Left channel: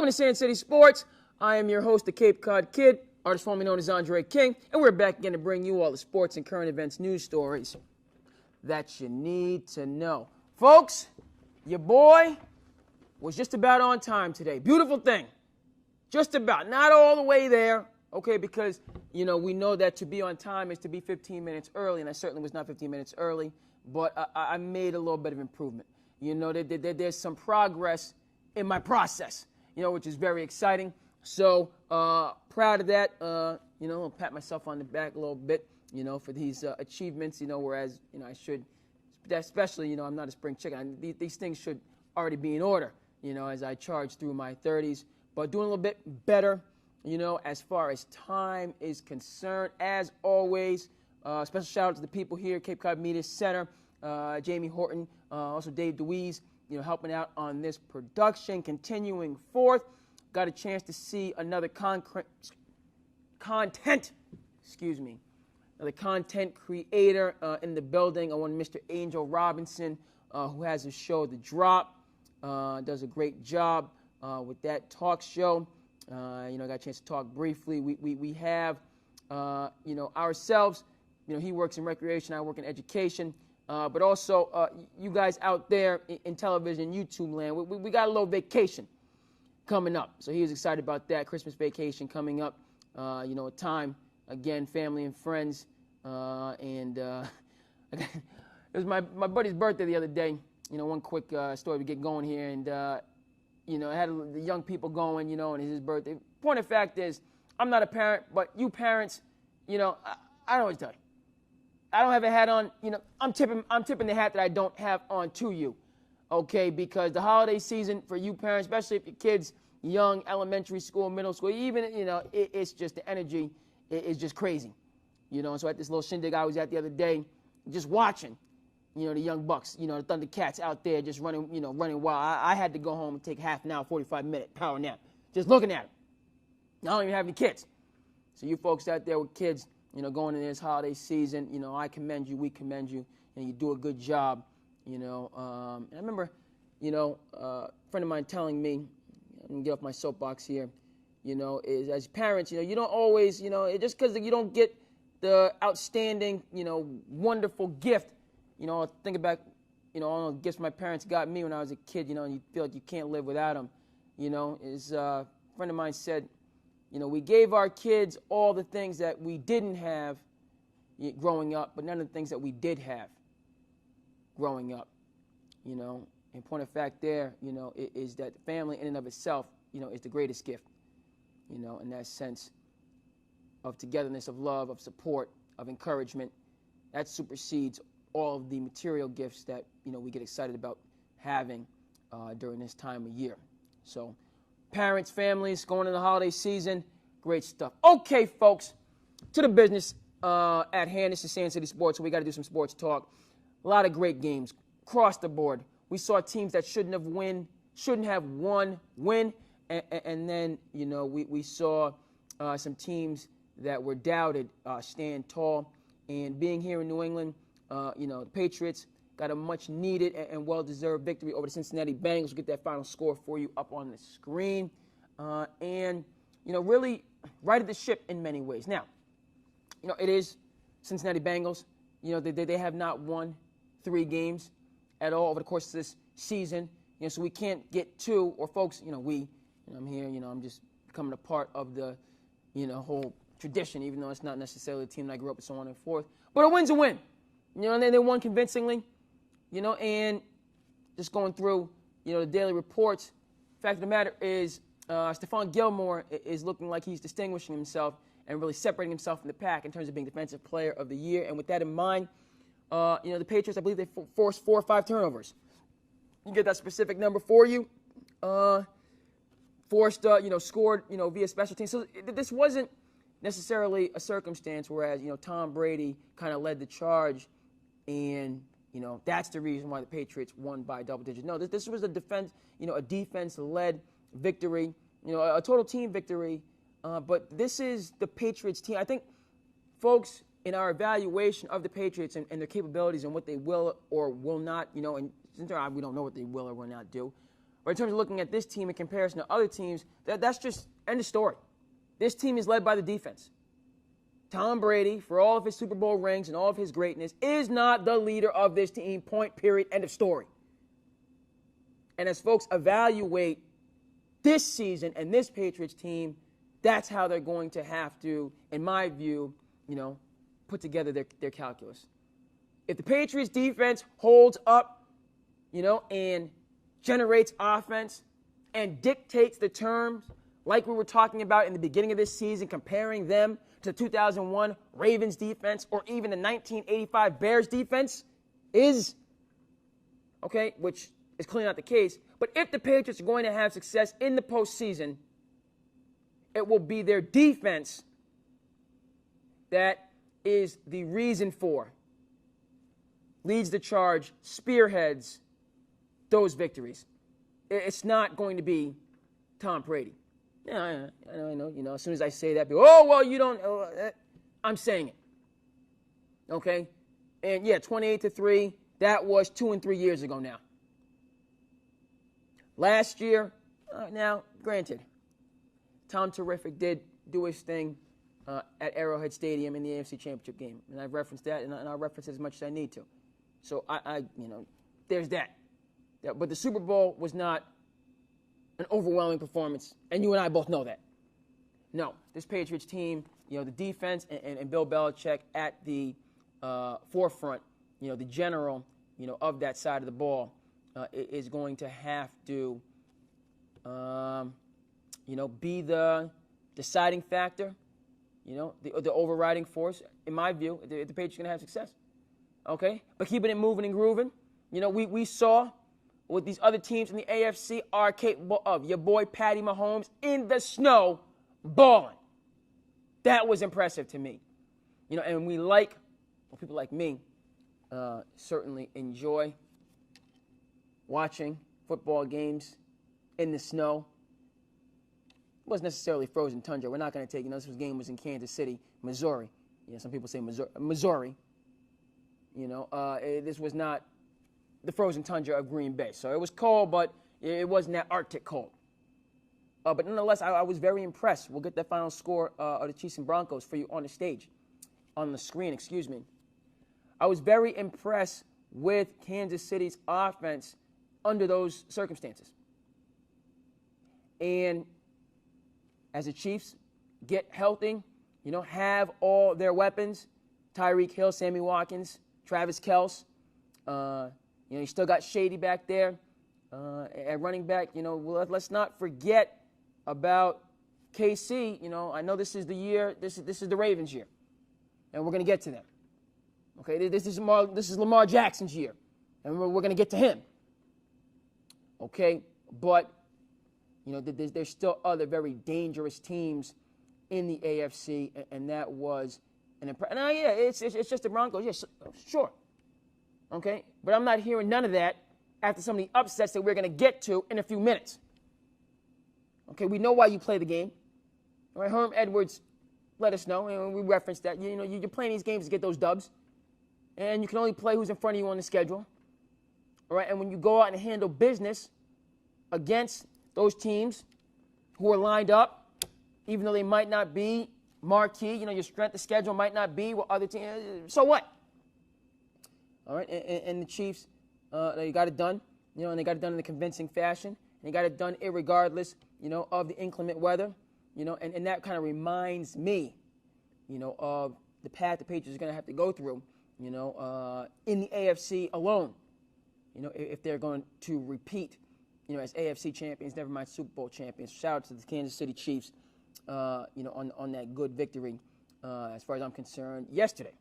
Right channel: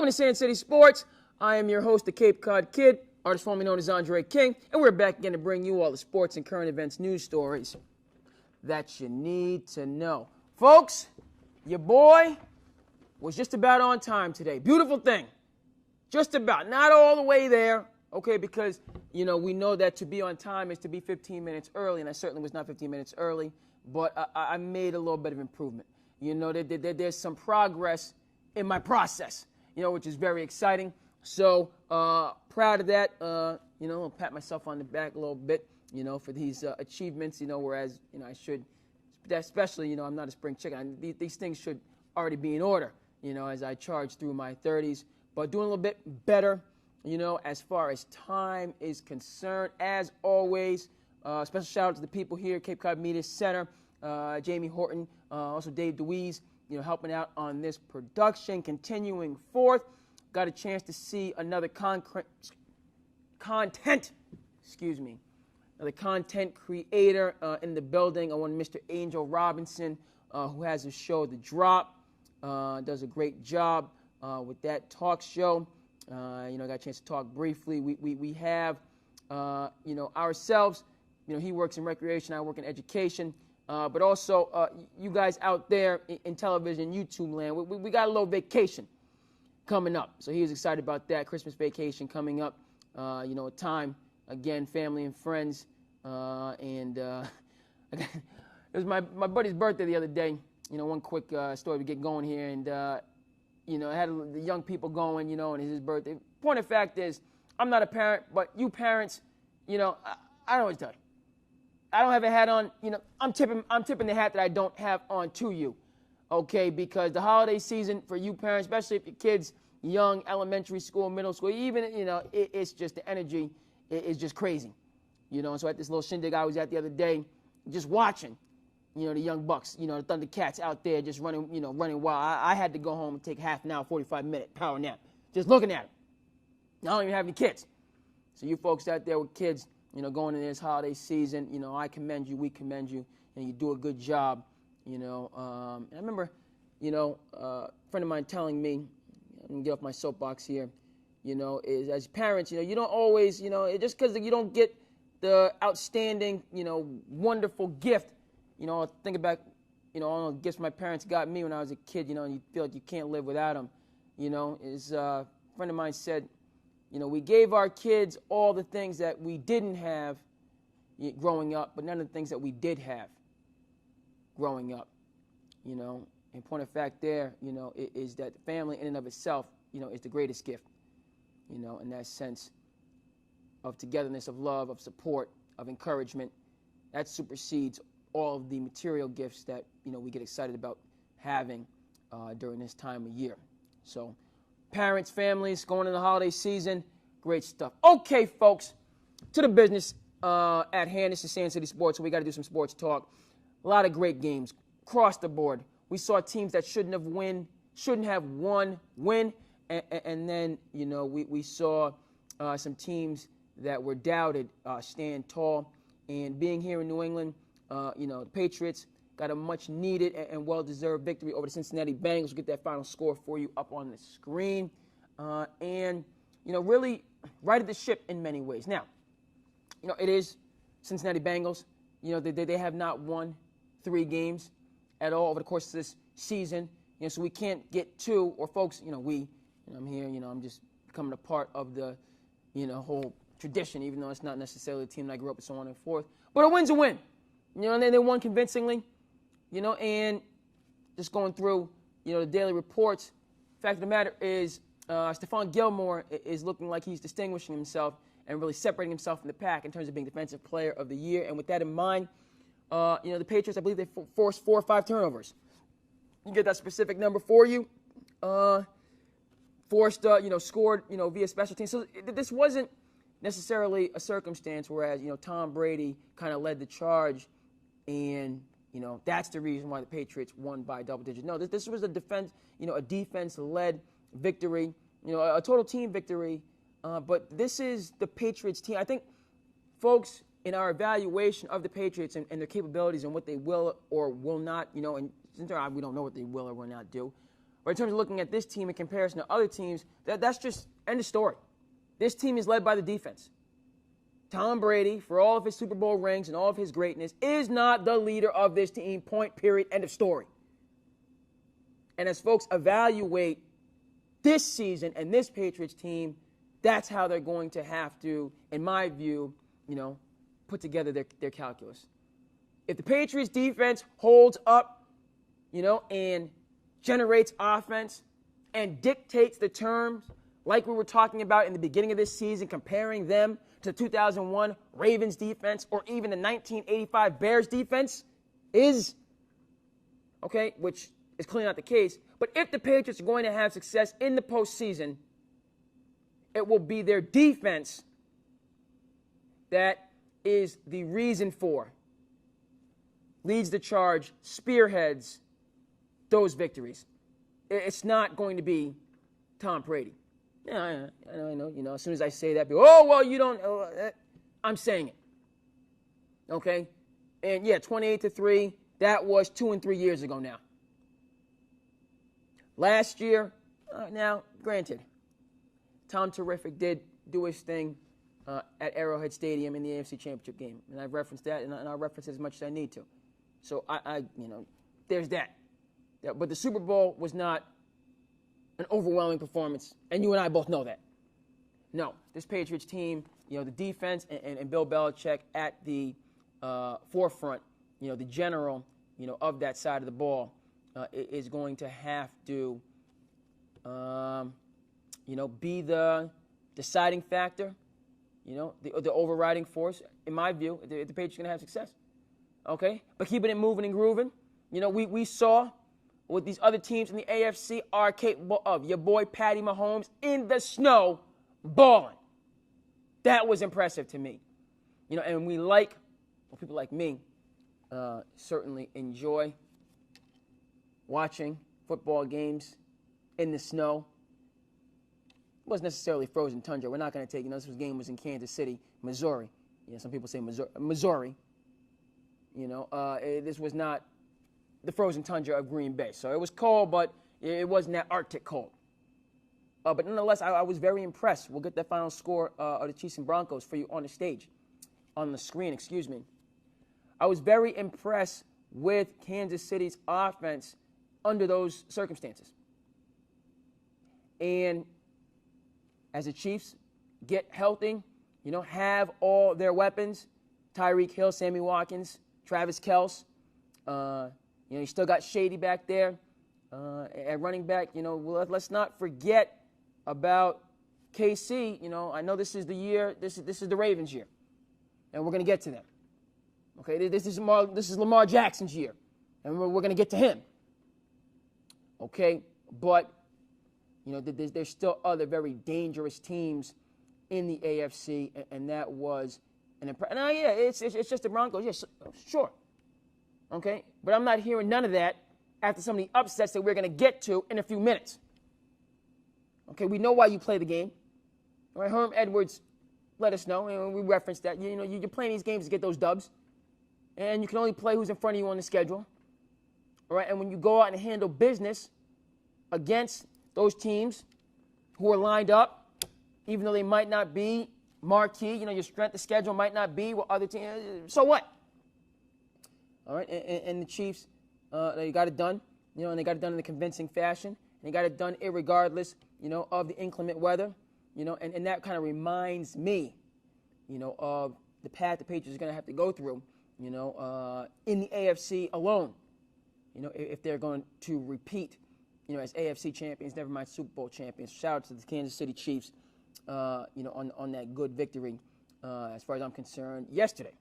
Welcome to SandCity Sports. I am your host, the Cape Cod Kid, artist formerly known as Andre King, and we're back again to bring you all the sports and current events news stories that you need to know. Folks, your boy was just about on time today. Beautiful thing. Just about. Not all the way there, okay, because, we know that to be on time is to be 15 minutes early, and I certainly was not 15 minutes early, but I made a little bit of improvement. There's some progress in my process, which is very exciting. So, proud of that. I'll pat myself on the back a little bit, for these achievements, whereas, I should, especially, I'm not a spring chicken. These things should already be in order, as I charge through my 30s. But doing a little bit better, as far as time is concerned. As always, special shout out to the people here at Cape Cod Media Center, Jamie Horton, also Dave DeWeese, helping out on this production. Continuing forth, got a chance to see another content creator in the building. I want Mr. Angel Robinson, who has a show, The Drop, does a great job with that talk show. I got a chance to talk briefly. We have, ourselves. He works in recreation, I work in education. But also, you guys out there in television, YouTube land, we got a little vacation coming up. So he was excited about that. Christmas vacation coming up. A time, again, family and friends. It was my buddy's birthday the other day. One quick story to get going here. And, I had the young people going, and it's his birthday. Point of fact is, I'm not a parent, but you parents, I always tell you, I don't have a hat on, I'm tipping the hat that I don't have on to you, okay? Because the holiday season for you parents, especially if your kids young, elementary school, middle school, even, it's just the energy is just crazy, So at this little shindig I was at the other day, just watching, the young bucks, the Thundercats out there just running wild. I had to go home and take half an hour, 45-minute power nap, just looking at it. I don't even have any kids. So you folks out there with kids, going into this holiday season, I commend you, we commend you, and you do a good job, and I remember, a friend of mine telling me, I'm going to get off my soapbox here, is as parents, you don't always, just because you don't get the outstanding, wonderful gift, thinking back, all the gifts my parents got me when I was a kid, and you feel like you can't live without them, is a friend of mine said, we gave our kids all the things that we didn't have growing up, but none of the things that we did have growing up, And point of fact there, is that family in and of itself, is the greatest gift, in that sense of togetherness, of love, of support, of encouragement. That supersedes all of the material gifts that, we get excited about having during this time of year. So, parents, families, going into the holiday season, great stuff. Okay, folks, to the business at hand. This is SandCity Sports, so we got to do some sports talk. A lot of great games across the board. We saw teams that shouldn't have won win, and then we saw some teams that were doubted stand tall. And being here in New England, the Patriots got a much-needed and well-deserved victory over the Cincinnati Bengals. We'll get that final score for you up on the screen. And, really righted the ship in many ways. Now, it is Cincinnati Bengals. They have not won 3 games at all over the course of this season. So we can't get too, or folks, I'm here, I'm just becoming a part of the, whole tradition, even though it's not necessarily a team that I grew up with, so on and forth. But a win's a win. And then they won convincingly, and just going through, the daily reports. Fact of the matter is, Stephon Gilmore is looking like he's distinguishing himself and really separating himself from the pack in terms of being Defensive Player of the Year. And with that in mind, the Patriots, I believe they forced 4 or 5 turnovers. You can get that specific number for you. Scored, via special teams. So this wasn't necessarily a circumstance whereas, Tom Brady kind of led the charge and, that's the reason why the Patriots won by double digits. No, this was a defense-led victory, a total team victory. But this is the Patriots team. I think, folks, in our evaluation of the Patriots and their capabilities and what they will or will not, and we don't know what they will or will not do, But in terms of looking at this team in comparison to other teams, that's just end of story. This team is led by the defense. Tom Brady, for all of his Super Bowl rings and all of his greatness, is not the leader of this team, point, period, end of story. And as folks evaluate this season and this Patriots team, that's how they're going to have to, in my view, put together their calculus. If the Patriots defense holds up, and generates offense and dictates the terms like we were talking about in the beginning of this season, comparing them to 2001 Ravens defense or even the 1985 Bears defense is, which is clearly not the case. But if the Patriots are going to have success in the postseason, it will be their defense that is the reason for, leads the charge, spearheads those victories. It's not going to be Tom Brady. Yeah, I know. As soon as I say that, people, you don't. I'm saying it. Okay, and 28-3. That was 2 and 3 years ago now. Last year, now granted, Tom Terrific did do his thing at Arrowhead Stadium in the AFC Championship game, and I've referenced that, and I'll reference it as much as I need to. So I there's that. Yeah, but the Super Bowl was not an overwhelming performance, and you and I both know that. No, this Patriots team, the defense and Bill Belichick at the forefront, the general, of that side of the ball, is going to have to, be the deciding factor, the overriding force. In my view, the Patriots are going to have success. Okay, but keeping it moving and grooving, we saw what these other teams in the AFC are capable of. Your boy Patty Mahomes in the snow balling. That was impressive to me. And people like me, certainly enjoy watching football games in the snow. It wasn't necessarily frozen tundra. We're not going to take, this game was in Kansas City, Missouri. Some people say Missouri. This was not the frozen tundra of Green Bay. So it was cold, but it wasn't that Arctic cold. But nonetheless, I was very impressed. We'll get that final score of the Chiefs and Broncos for you on the screen. I was very impressed with Kansas City's offense under those circumstances. And as the Chiefs get healthy, have all their weapons, Tyreek Hill, Sammy Watkins, Travis Kelce, you still got Shady back there at running back. Let's not forget about KC. I know this is the year. This is the Ravens' year, and we're going to get to them. Okay, this is Lamar Jackson's year, and we're going to get to him. Okay, but there's still other very dangerous teams in the AFC, and that was an impression. It's just the Broncos. Yes, sure. Okay, but I'm not hearing none of that after some of the upsets that we're going to get to in a few minutes. Okay, we know why you play the game. All right, Herm Edwards let us know, and we referenced that. You're playing these games to get those dubs, and you can only play who's in front of you on the schedule. All right, and when you go out and handle business against those teams who are lined up, even though they might not be marquee, your strength of schedule might not be what other teams. So what? All right, and the Chiefs, they got it done, and they got it done in a convincing fashion. And they got it done irregardless, of the inclement weather, and that kind of reminds me, of the path the Patriots are going to have to go through, in the AFC alone, if they're going to repeat, as AFC champions, never mind Super Bowl champions. Shout out to the Kansas City Chiefs, on that good victory, as far as I'm concerned, yesterday.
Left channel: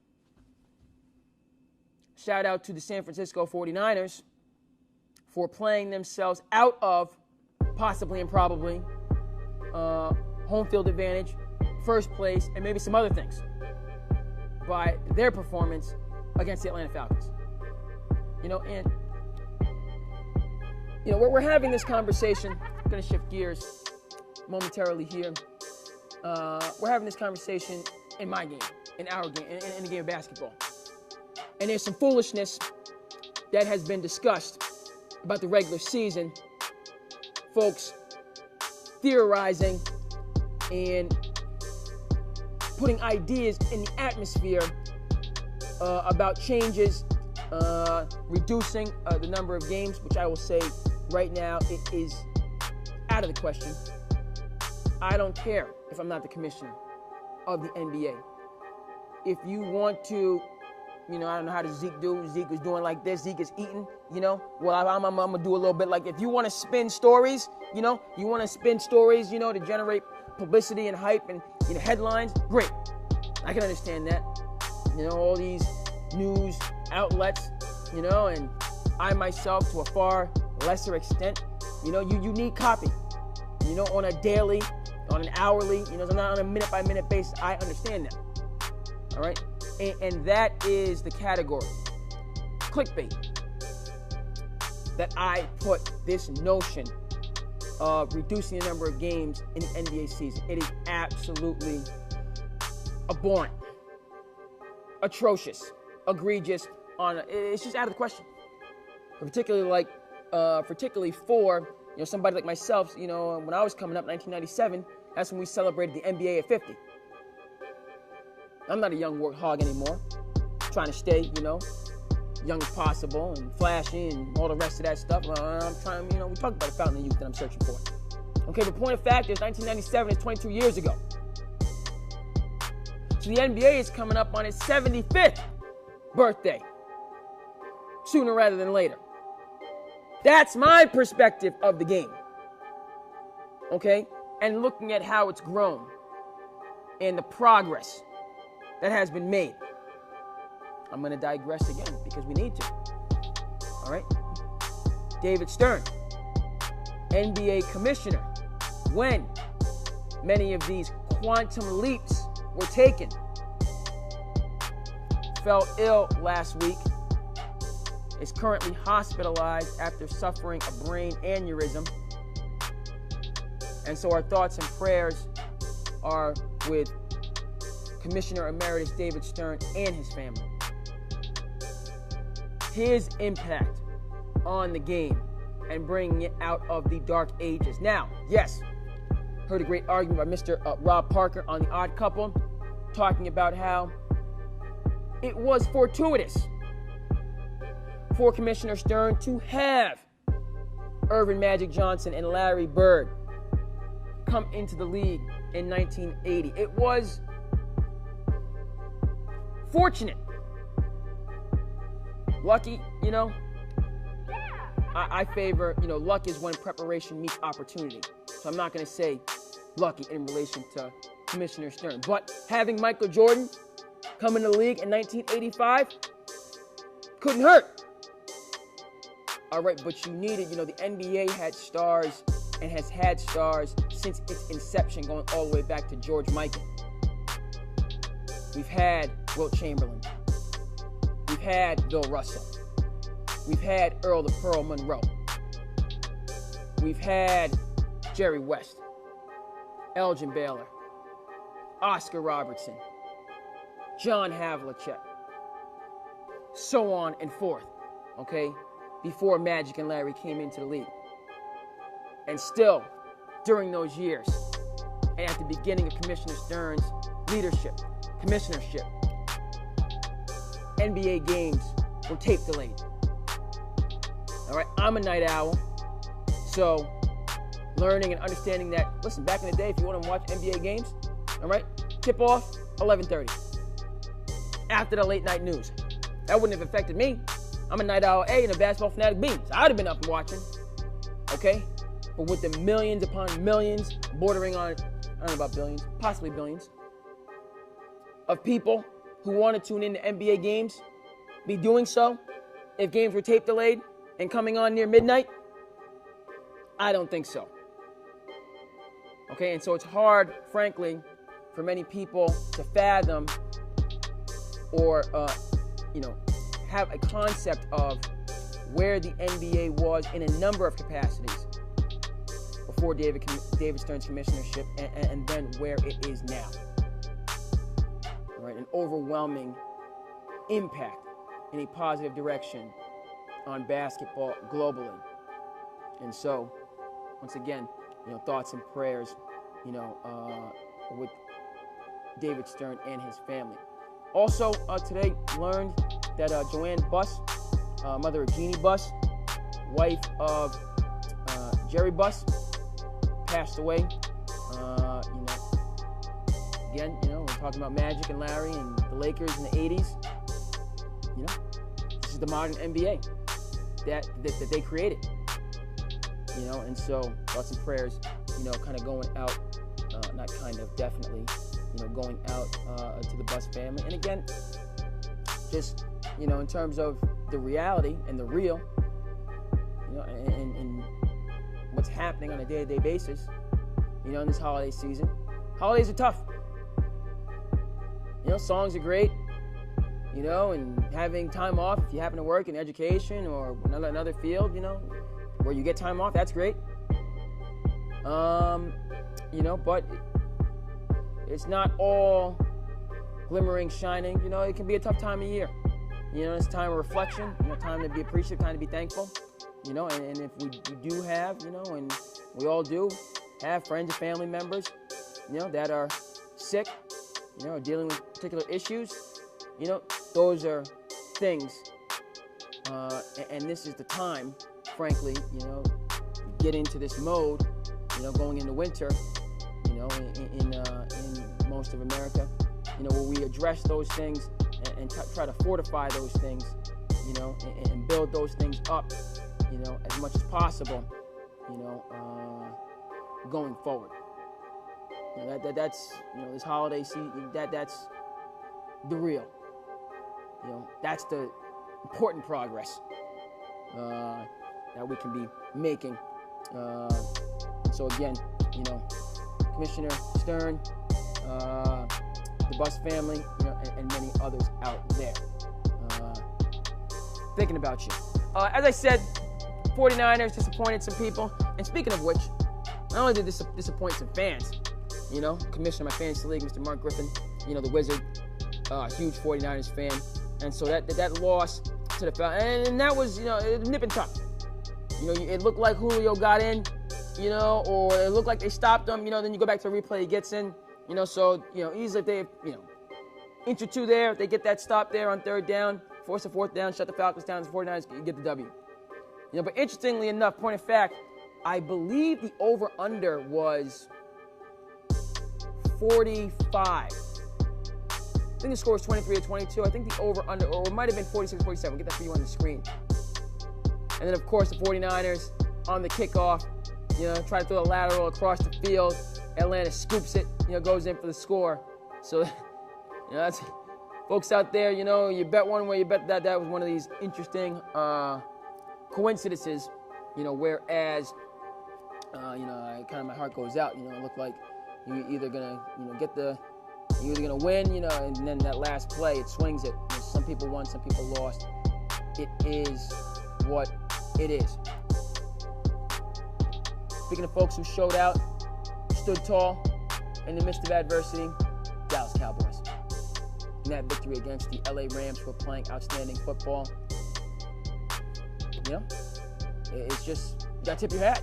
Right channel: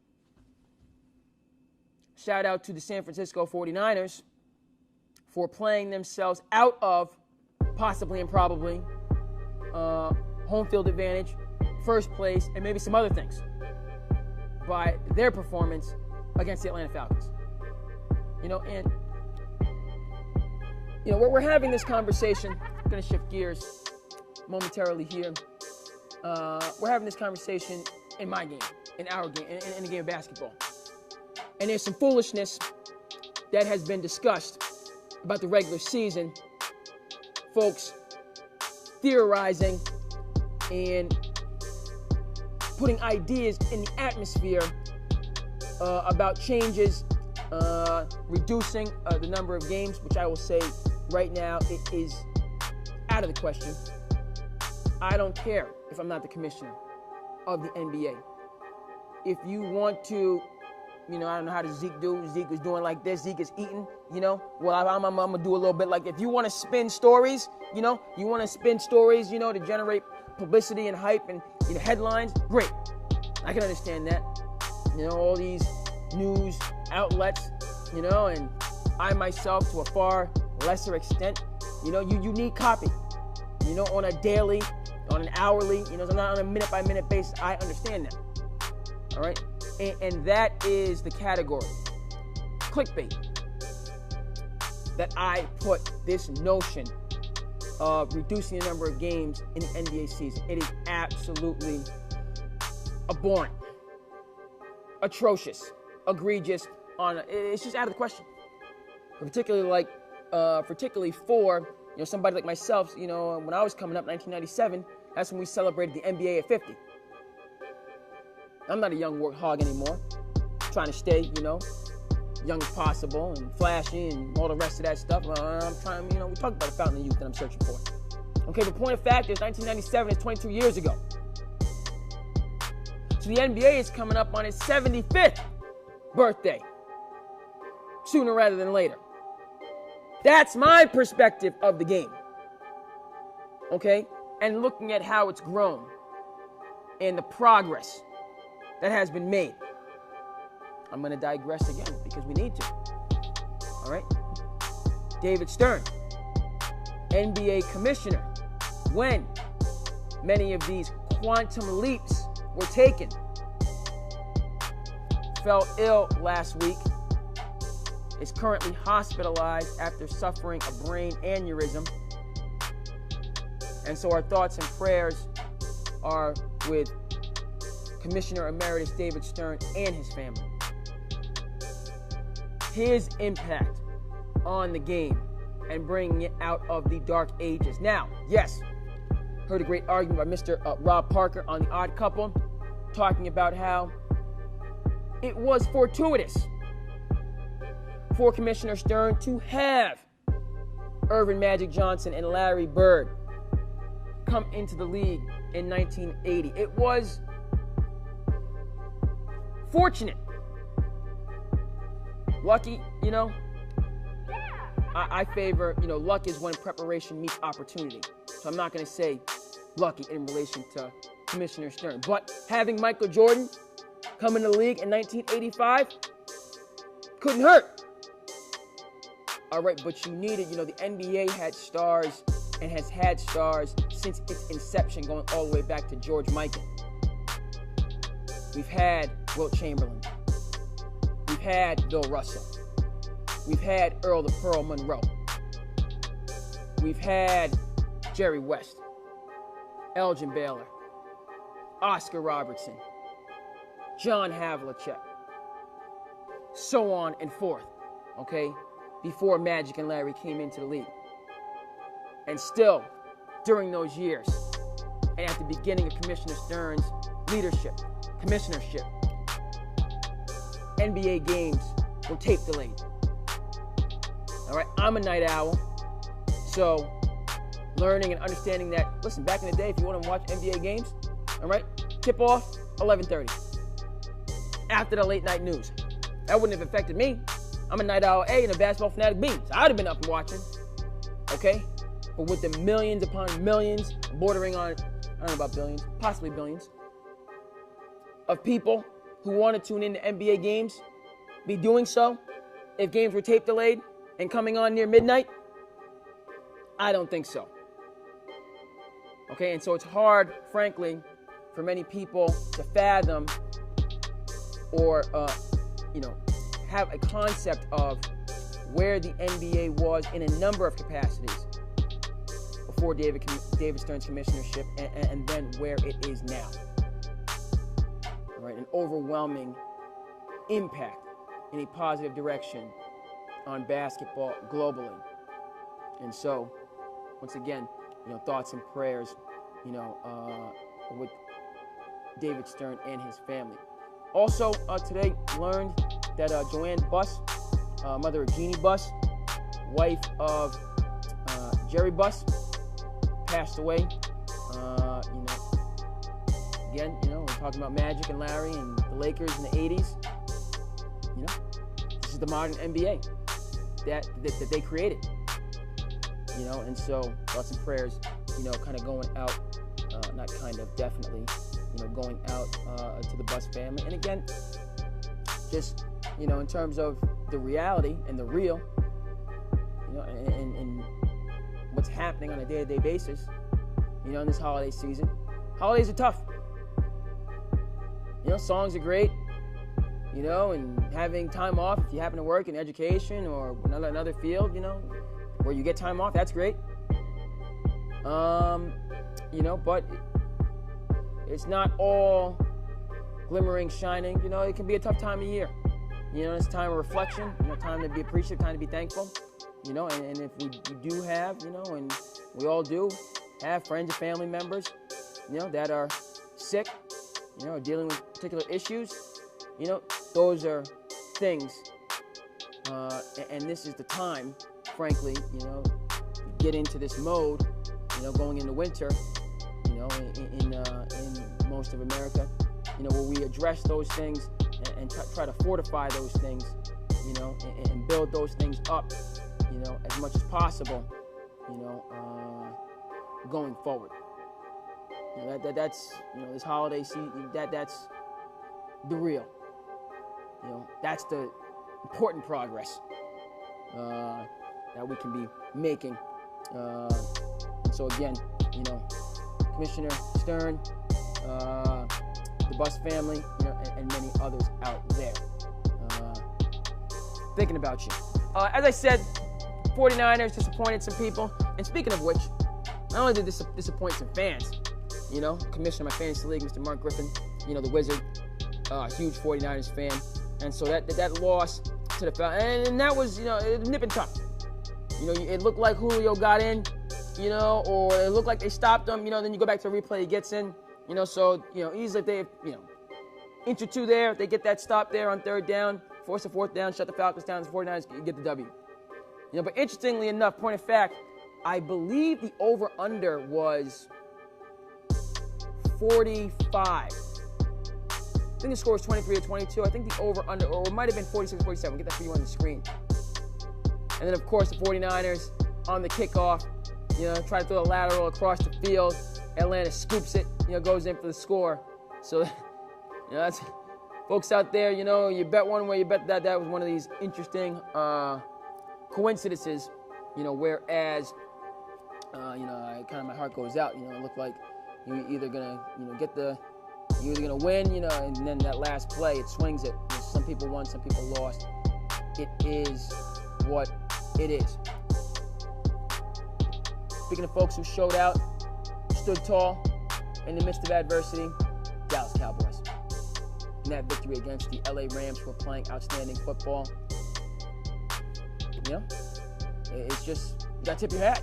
Shout out to the San Francisco 49ers for playing themselves out of, possibly and probably, home field advantage, first place, and maybe some other things by their performance against the Atlanta Falcons. We're having this conversation. I'm going to shift gears momentarily here. We're having this conversation in my game, in our game, in the game of basketball. And there's some foolishness that has been discussed about the regular season folks theorizing and putting ideas in the atmosphere about changes, reducing the number of games, which I will say right now it is out of the question. I don't care if I'm not the commissioner of the NBA. If you want to, I don't know how does Zeke do. Zeke is doing like this. Zeke is eating, Well, I'm going to do a little bit like, if you want to spin stories, you want to spin stories, to generate publicity and hype and headlines, great. I can understand that. All these news outlets, and I myself, to a far lesser extent, you need copy, on a daily, on an hourly, not on a minute-by-minute basis. I understand that. All right? And that is the category, clickbait, that I put this notion of reducing the number of games in the NBA season. It is absolutely abhorrent, atrocious, egregious. It's just out of the question. Particularly for somebody like myself. When I was coming up, 1997, that's when we celebrated the NBA at 50. I'm not a young warthog anymore. I'm trying to stay, young as possible and flashy and all the rest of that stuff. I'm trying, we talked about the fountain of youth that I'm searching for. Okay, the point of fact is 1997 is 22 years ago. So the NBA is coming up on its 75th birthday. Sooner rather than later. That's my perspective of the game. Okay? And looking at how it's grown and the progress that has been made. I'm going to digress again because we need to. All right? David Stern, NBA commissioner, when many of these quantum leaps were taken, fell ill last week, is currently hospitalized after suffering a brain aneurysm. And so our thoughts and prayers are with Commissioner Emeritus David Stern and his family. His impact on the game and bringing it out of the dark ages. Now, yes, heard a great argument by Mr. Rob Parker on The Odd Couple, talking about how it was fortuitous for Commissioner Stern to have Irvin Magic Johnson and Larry Bird come into the league in 1980. It was fortunate. Lucky, I favor, luck is when preparation meets opportunity. So I'm not going to say lucky in relation to Commissioner Stern. But having Michael Jordan come in the league in 1985 couldn't hurt. All right, but you needed, the NBA had stars and has had stars since its inception, going all the way back to George Michael. We've had Wilt Chamberlain. We've had Bill Russell. We've had Earl the Pearl Monroe. We've had Jerry West, Elgin Baylor, Oscar Robertson, John Havlicek, so on and forth, okay, before Magic and Larry came into the league. And still, during those years, and at the beginning of Commissioner Stern's commissionership, NBA games were tape delayed. All right, I'm a night owl, so learning and understanding that, listen, back in the day, if you want to watch NBA games, all right, tip off 11:30 after the late night news. That wouldn't have affected me. I'm a night owl A and a basketball fanatic B. So I'd have been up and watching, okay? But with the millions upon millions, bordering on, I don't know about billions, possibly billions, of people who want to tune in to NBA games, be doing so if games were tape delayed and coming on near midnight? I don't think so. Okay, and so it's hard, frankly, for many people to fathom or, have a concept of where the NBA was in a number of capacities before David Stern's commissionership and then where it is now. Right, an overwhelming impact in a positive direction on basketball globally. And so once again, thoughts and prayers, with David Stern and his family. Also, today learned that Joanne Buss, mother of Jeannie Buss, wife of Jerry Buss, passed away. Again, we're talking about Magic and Larry and the Lakers in the 80s. This is the modern NBA that they created. And so thoughts and prayers, kind of going out, not kind of, definitely, going out to the Buss family. And again, just, in terms of the reality and the real, and what's happening on a day-to-day basis, in this holiday season. Holidays are tough. Songs are great, and having time off if you happen to work in education or another field, where you get time off, that's great. But it's not all glimmering, shining. It can be a tough time of year. It's a time of reflection, time to be appreciative, time to be thankful. And if we do have, and we all do have friends and family members, that are sick, dealing with particular issues, those are things, and this is the time, frankly, to get into this mode, going into winter, in most of America, where we address those things and try to fortify those things, and build those things up, as much as possible, going forward. That's this holiday season. That's the real. That's the important progress that we can be making. So again, Commissioner Stern, the Buss family, and many others out there, thinking about you. As I said, 49ers disappointed some people. And speaking of which, not only did this disappoint some fans, Commissioner of my fantasy league, Mr. Mark Griffin, the Wizard, huge 49ers fan, and so that loss to the Falcons, and that was, nip and tuck. It looked like Julio got in, or it looked like they stopped him, then you go back to the replay, he gets in, so, easily if they, inch or two there, if they get that stop there on third down, force a fourth down, shut the Falcons down, the 49ers get the W. But interestingly enough, point of fact, I believe the over-under was 45. I think the score was 23 or 22. I think the over-under, or it might have been 46, 47. We'll get that for you on the screen. And then, of course, the 49ers on the kickoff, try to throw a lateral across the field. Atlanta scoops it, goes in for the score. So, that's, folks out there, you bet one way, you bet that. That was one of these interesting coincidences, whereas, kind of my heart goes out, it looked like you're either gonna, you're either gonna win, and then that last play, it swings it. Some people won, some people lost. It is what it is. Speaking of folks who showed out, stood tall in the midst of adversity, Dallas Cowboys. In that victory against the LA Rams, who are playing outstanding football. It's just, you gotta tip your hat.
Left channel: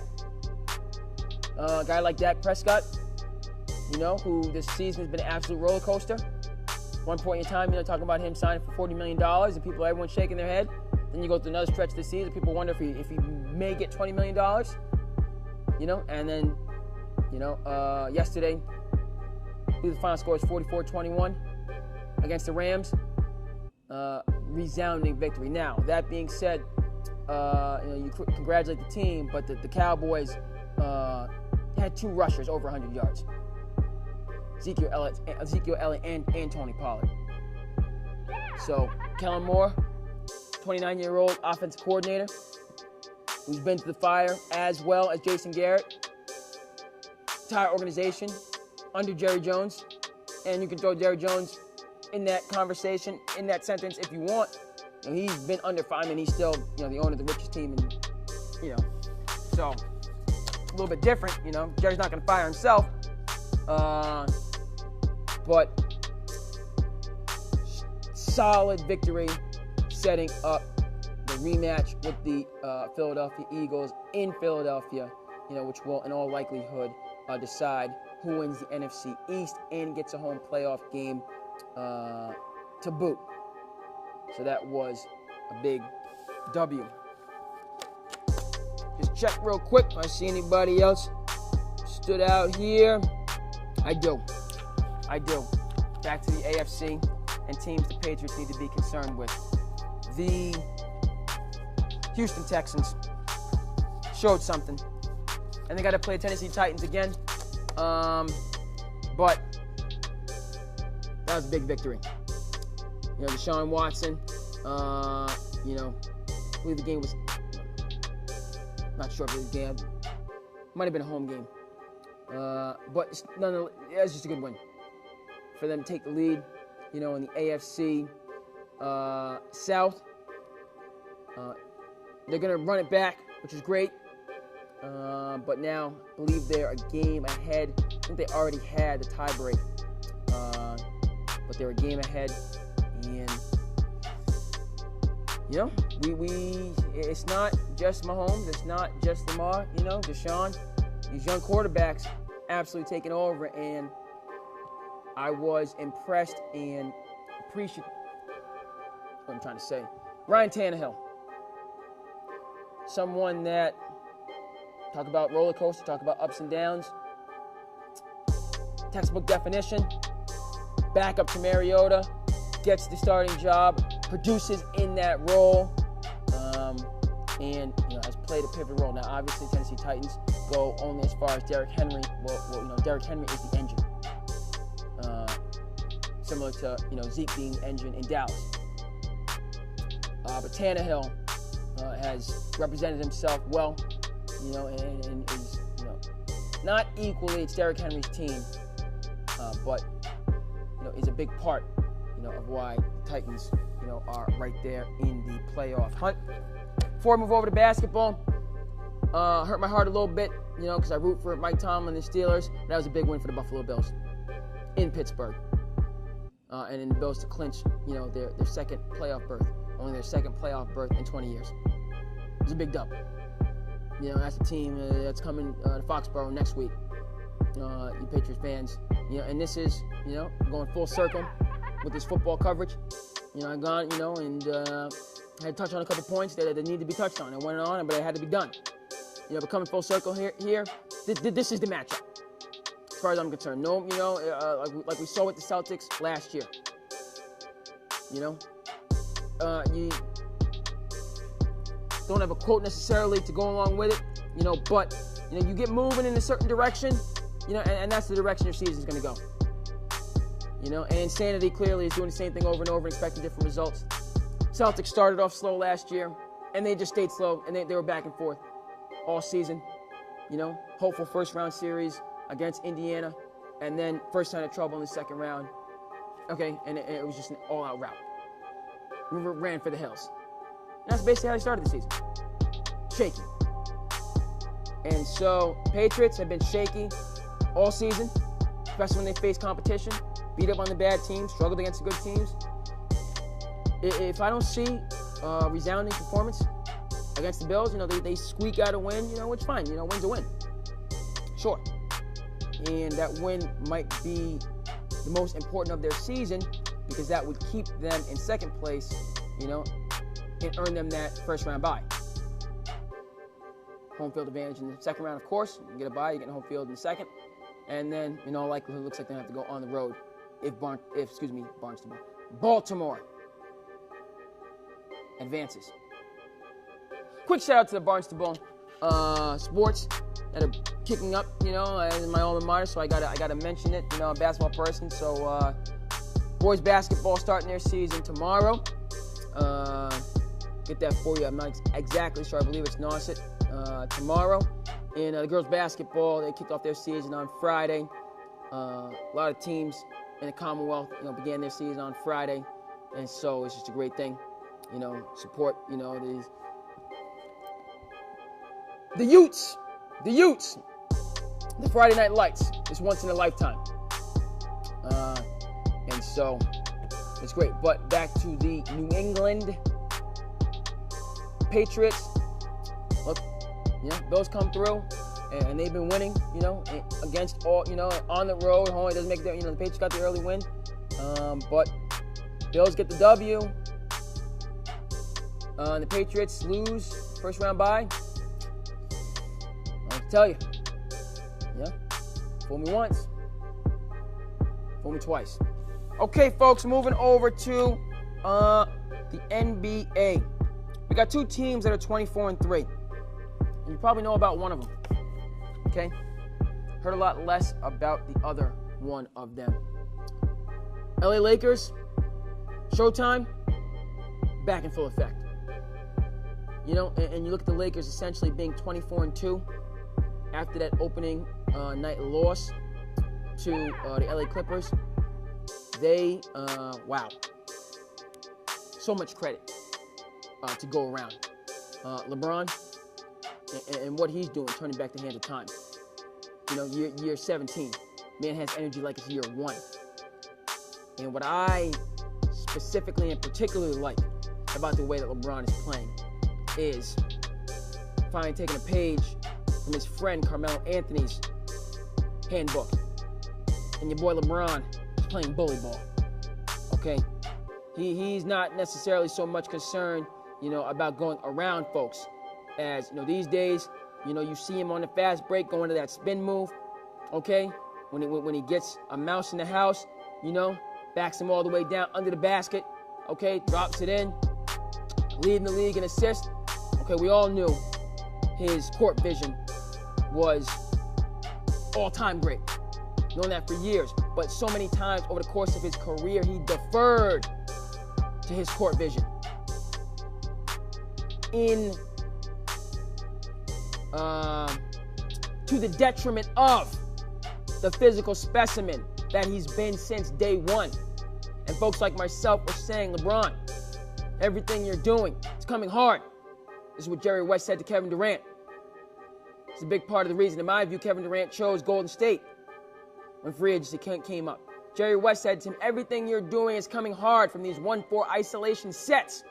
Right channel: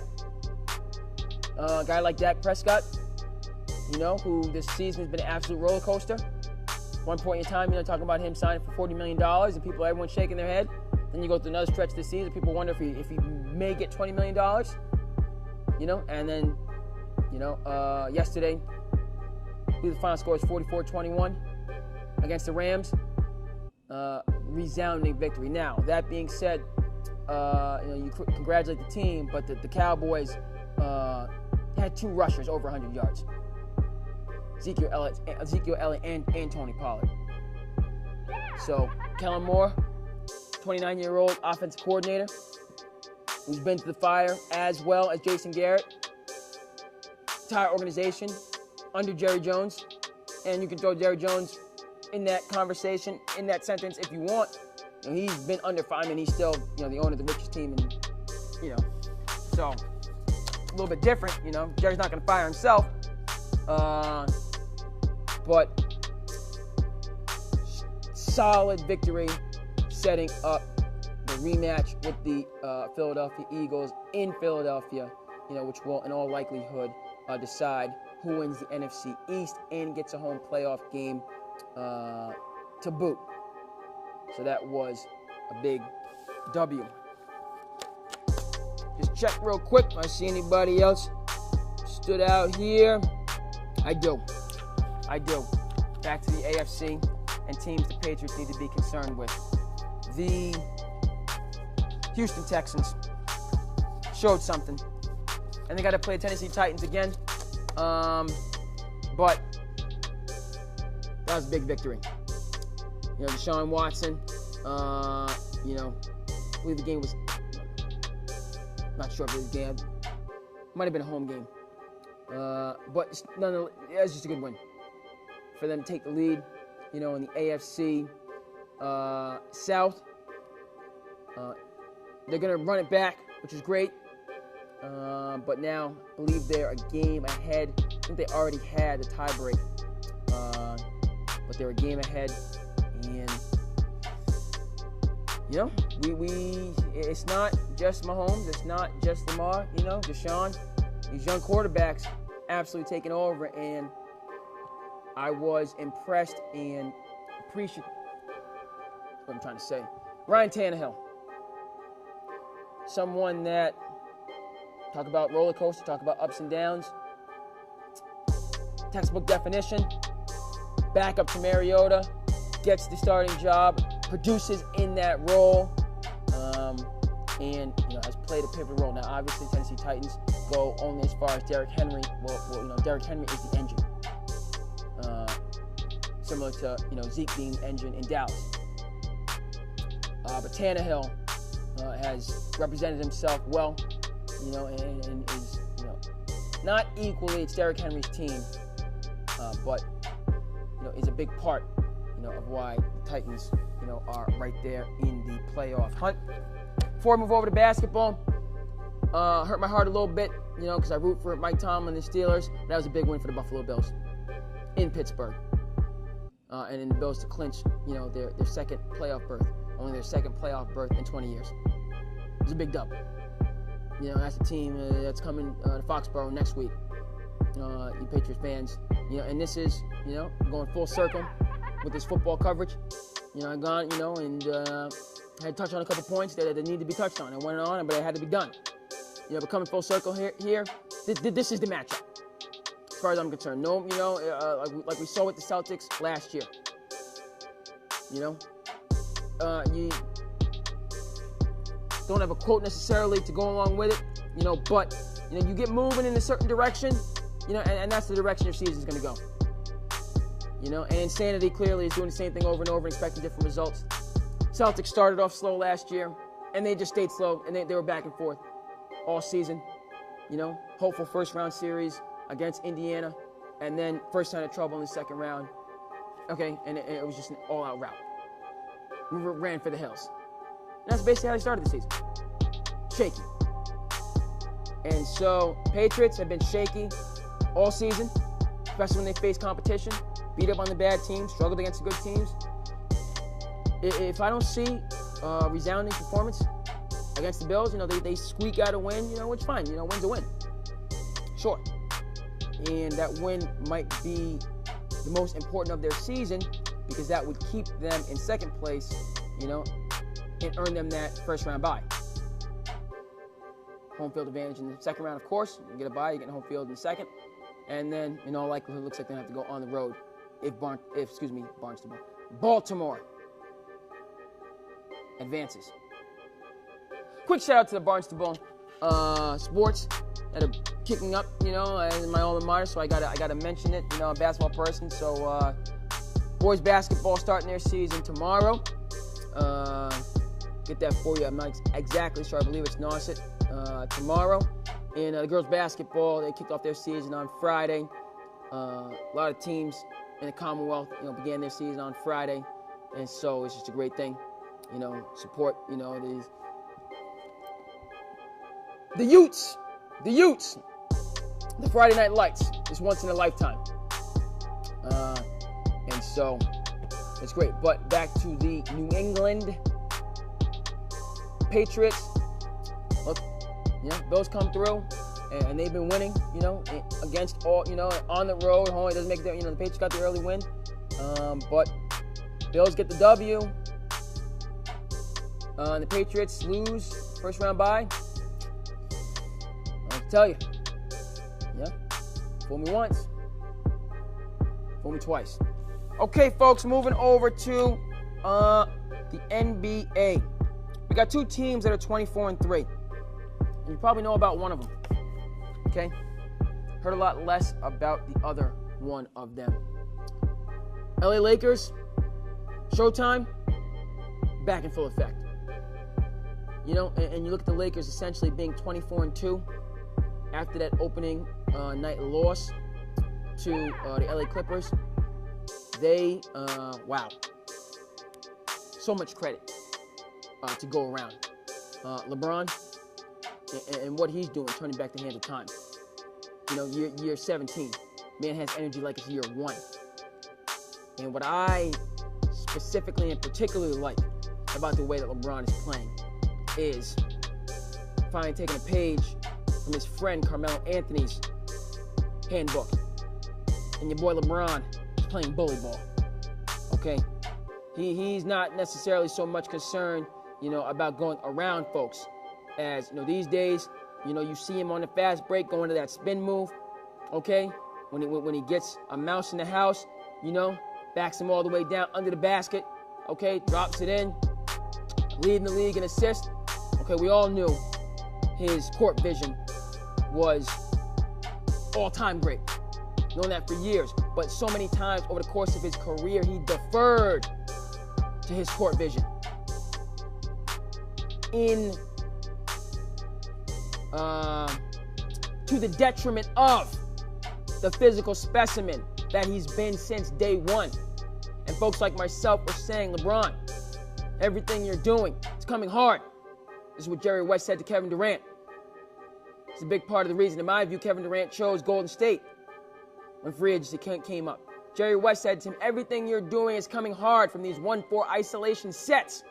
A guy like Dak Prescott, who this season has been an absolute roller coaster. One point in time, talking about him signing for $40 million, and everyone's shaking their head. Then you go through another stretch this season, people wonder if he may get $20 million. And then, yesterday, I believe the final score was 44-21 against the Rams. Resounding victory. Now, that being said, you congratulate the team, but the Cowboys had two rushers over 100 yards. Ezekiel Elliott and Tony Pollard. So, Kellen Moore, 29-year-old offensive coordinator, who's been to the fire, as well as Jason Garrett. Entire organization under Jerry Jones, and you can throw Jerry Jones in that conversation, in that sentence, if you want. He's been under Feynman. He's still, the owner of the richest team, and, so a little bit different. Jerry's not going to fire himself, but solid victory, setting up the rematch with the Philadelphia Eagles in Philadelphia which will in all likelihood decide who wins the NFC East and gets a home playoff game to boot. So that was a big W. Just check real quick if I see anybody else stood out here. I do. Back to the AFC and teams the Patriots need to be concerned with. The Houston Texans showed something. And they got to play Tennessee Titans again. But that was a big victory. Deshaun Watson, I believe the game was, not sure if it was a game. Might have been a home game. But it's just a good win. For them to take the lead, in the AFC South. They're going to run it back, which is great. But now, I believe they're a game ahead. I think they already had the tiebreak. But they're a game ahead. And, it's not just Mahomes. It's not just Lamar. Deshaun. These young quarterbacks absolutely taking over. And I was impressed and appreciative. What I'm trying to say. Ryan Tannehill. Someone that, talk about roller coaster, talk about ups and downs. Textbook definition. Back up to Mariota. Gets the starting job. Produces in that role. And has played a pivotal role. Now, obviously, Tennessee Titans go only as far as Derrick Henry. Derrick Henry is the engine. Similar to, Zeke being the engine in Dallas. But Tannehill has represented himself well, and is, not equally it's Derrick Henry's team, but, is a big part, of why the Titans, are right there in the playoff hunt. Before I move over to basketball, hurt my heart a little bit, because I root for Mike Tomlin and the Steelers. That was a big win for the Buffalo Bills in Pittsburgh. And then the Bills to clinch, their second playoff berth. Only their second playoff berth in 20 years. It was a big dub. That's the team that's coming to Foxborough next week. You Patriots fans. And this is, going full circle with this football coverage. I've gone, and had touched on a couple points that needed to be touched on. It went on, but it had to be done. But coming full circle here, this is the matchup. As far as I'm concerned. No, like we saw with the Celtics last year. You don't have a quote necessarily to go along with it, but, you get moving in a certain direction, and that's the direction your season's going to go. And Insanity clearly is doing the same thing over and over, expecting different results. Celtics started off slow last year, and they just stayed slow, and they were back and forth all season. Hopeful first-round series against Indiana, and then first sign of trouble in the second round. Okay, and it was just an all-out rout. Ran for the hills. That's basically how they started the season. Shaky. And so, Patriots have been shaky all season, especially when they face competition, beat up on the bad teams, struggled against the good teams. If I don't see resounding performance against the Bills, they squeak out a win, which fine, win's a win. Sure. And that win might be the most important of their season because that would keep them in second place, and earn them that first round bye. Home field advantage in the second round, of course. You get a bye, you get home field in the second. And then, in all likelihood, it looks like they have to go on the road if Baltimore advances. Quick shout out to the Barnstable Sports that are kicking up, in my alma mater, so I gotta mention it. I'm a basketball person, so boys basketball starting their season tomorrow. Get that for you. I'm not exactly sure. I believe it's Nauset tomorrow. And the girls basketball, they kicked off their season on Friday. A lot of teams in the Commonwealth, began their season on Friday, and so it's just a great thing. Support, the Utes, the Friday Night Lights. It's once in a lifetime, and so it's great. But back to the New England Patriots. Look, Bills come through, and and they've been winning, against all, on the road. Home, it doesn't make the Patriots got the early win. But Bills get the W. The Patriots lose first round bye. I'll tell you, fool me once, fool me twice. Okay, folks, moving over to the NBA. We got two teams that are 24-3. And you probably know about one of them. Okay? Heard a lot less about the other one of them. LA Lakers, Showtime, back in full effect. And you look at the Lakers essentially being 24-2 after that opening night loss to the LA Clippers. They, wow. So much credit to go around. LeBron and what he's doing, turning back the hands of time. Year 17. Man has energy like it's year 1. And what I specifically and particularly like about the way that LeBron is playing is finally taking a page from his friend Carmelo Anthony's handbook. And your boy LeBron is playing bully ball. Okay? He's not necessarily so much concerned, about going around folks. As, these days, you see him on the fast break going to that spin move, okay? When he gets a mouse in the house, backs him all the way down under the basket, okay? Drops it in, leading the league in assists. Okay, we all knew his court vision was all-time great. Known that for years, but so many times over the course of his career, he deferred to his court vision. To the detriment of the physical specimen that he's been since day one. And folks like myself were saying, LeBron, everything you're doing, it's coming hard. This is what Jerry West said to Kevin Durant. It's a big part of the reason, in my view, Kevin Durant chose Golden State when free agency came up. Jerry West said to him, everything you're doing is coming hard from these 1-4 isolation sets.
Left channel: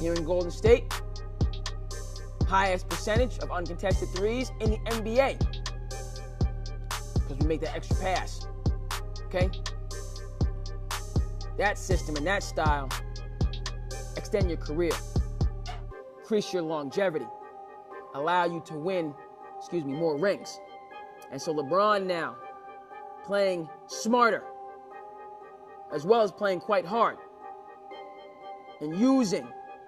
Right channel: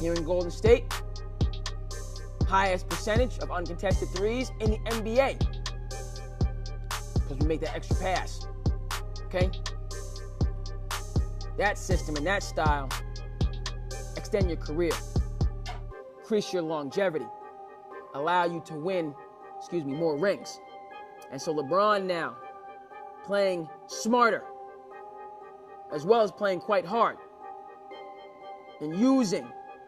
Here in Golden State, highest percentage of uncontested threes in the NBA. Because we make that extra pass. Okay? That system and that style extend your career, increase your longevity, allow you to win, more rings. And so LeBron now playing smarter as well as playing quite hard and using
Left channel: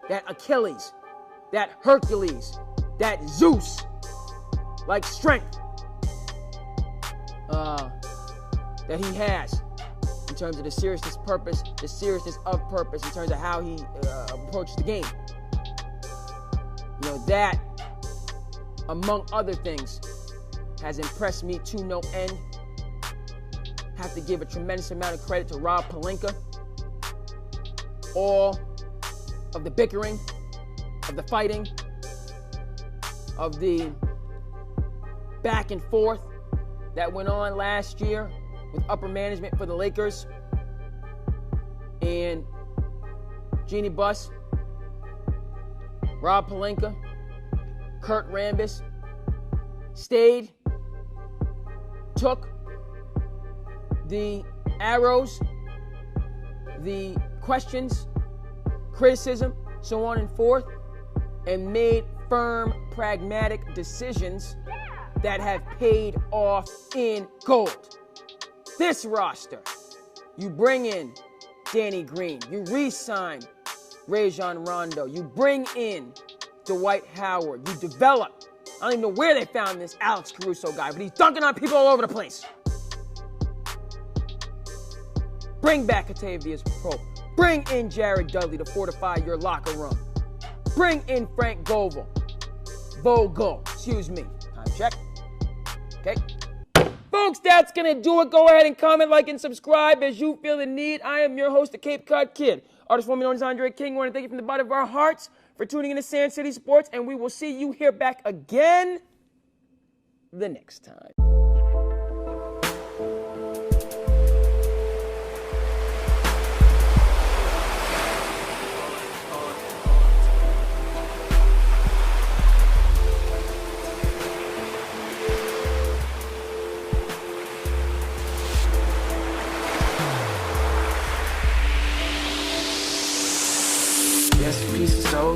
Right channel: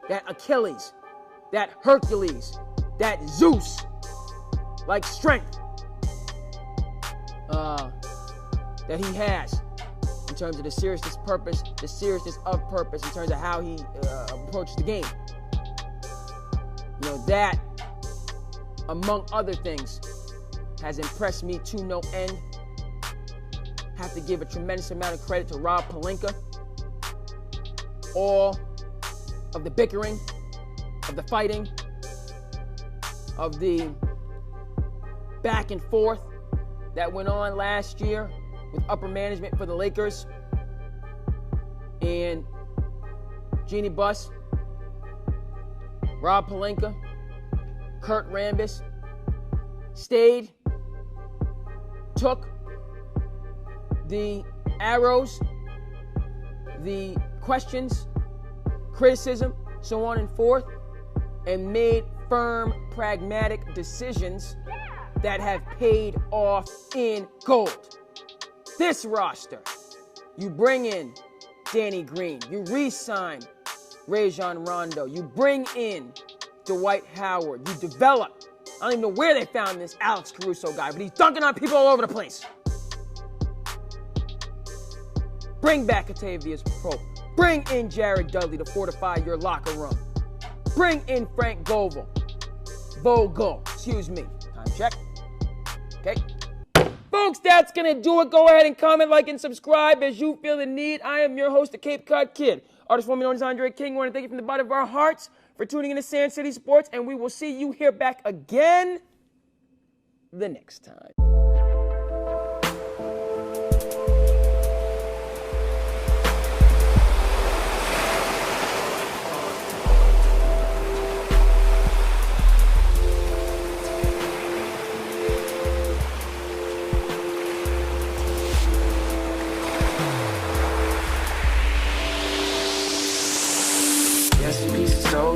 that Achilles, that Hercules, that Zeus like strength that he has in terms of the seriousness of purpose in terms of how he approaches the game. That, among other things, has impressed me to no end. Have to give a tremendous amount of credit to Rob Pelinka. All of the bickering, of the fighting, of the back and forth that went on last year with upper management for the Lakers and Jeannie Buss, Rob Pelinka, Kurt Rambis stayed, took the arrows, the questions, criticism, so on and forth, and made firm, pragmatic decisions that have paid off in gold. This roster, you bring in Danny Green, you re-sign Rajon Rondo, you bring in Dwight Howard, you develop. I don't even know where they found this Alex Caruso guy, but he's dunking on people all over the place. Bring back Kentavious Pope. Bring in Jared Dudley to fortify your locker room. Bring in Frank Vogel. Time check. Okay. Folks, that's going to do it. Go ahead and comment, like, and subscribe as you feel the need. I am your host, the Cape Cod Kid. Artist formerly known as Andre King. I want to thank you from the bottom of our hearts for tuning in to SandCity Sports, and we will see you here back again the next time.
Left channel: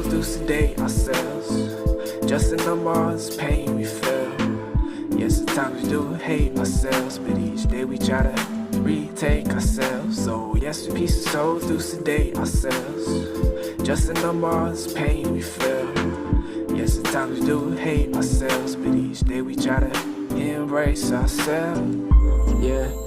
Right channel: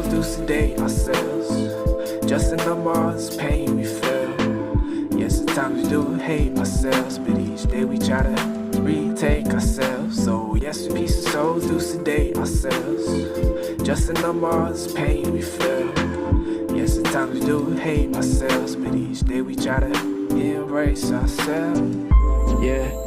souls do sedate ourselves. Just in the Mars pain we feel. Yes, at times we do hate ourselves, but each day we try to retake ourselves. So yes, we peace of souls do sedate ourselves. Just in the Mars pain we feel. Yes, at times we do hate ourselves, but each day we try to embrace ourselves. Yeah.